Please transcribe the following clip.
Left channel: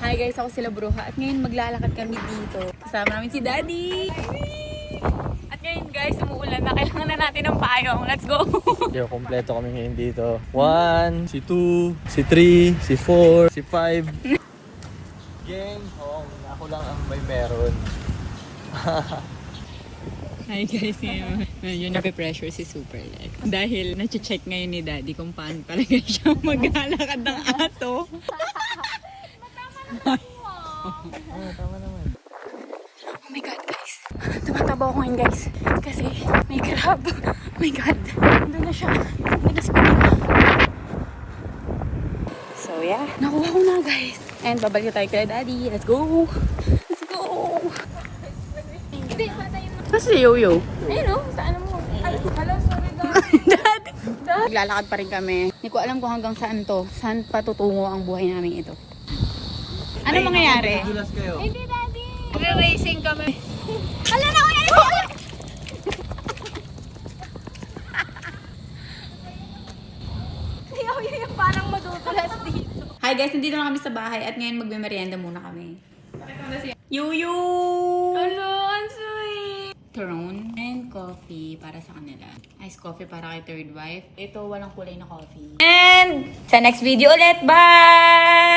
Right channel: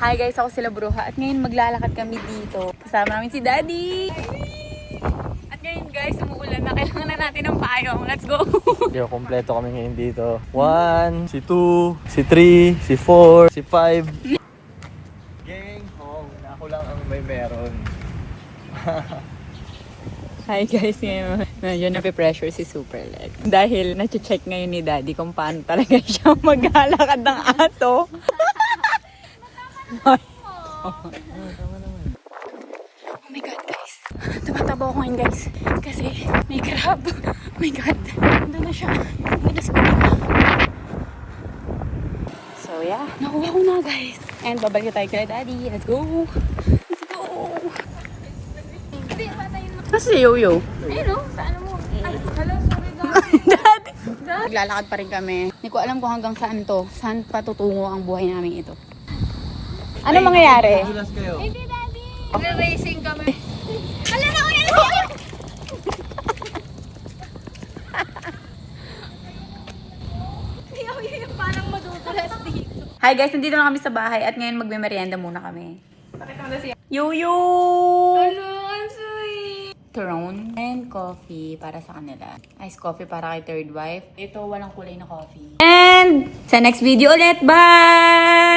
Hi guys, ako sila Bruja at ngayon maglalakad kami dito. Kasama namin si Daddy. At ngayon guys, umuulan na. Kailangan na natin ng payong. Let's go! Yo, kompleto kami ngayon dito. 1, si 2, si 3, si 4, si 5. Gang, ako lang ang may meron. Hi guys, ngayon medyo nape-pressure si Superlet. Dahil na-check ngayon ni Daddy kung paano talaga siya maglalakad ng aso. Tama naman. Oh my God guys, tumataba ako ngayon guys. Kasi may crab. Oh my God, nandun na siya. Nandun na si Kuya. So yeah, nakuha ko na guys. And babalik tayo kay Daddy. Let's go! Let's go! Nasa si Yo-Yo? Ayun o, sa ano mo? Ay, hello, sorry Daddy! Naglalakad pa rin kami. Hindi ko alam kung hanggang saan to. Saan patutungo ang buhay namin ito. Ano mangyayari? Madulas kayo. Hindi, Daddy! Nagre-racing kami. Hala na, uyan na! Yung parang madudulas dito. Hi guys, nandito na kami sa bahay at ngayon magme-merienda muna kami. Yo-Yo! Ano, ang sweet! Throne and coffee para sa kanila. Ice coffee para kay third wife. Ito, walang kulay na coffee. And sa next video ulit, bye!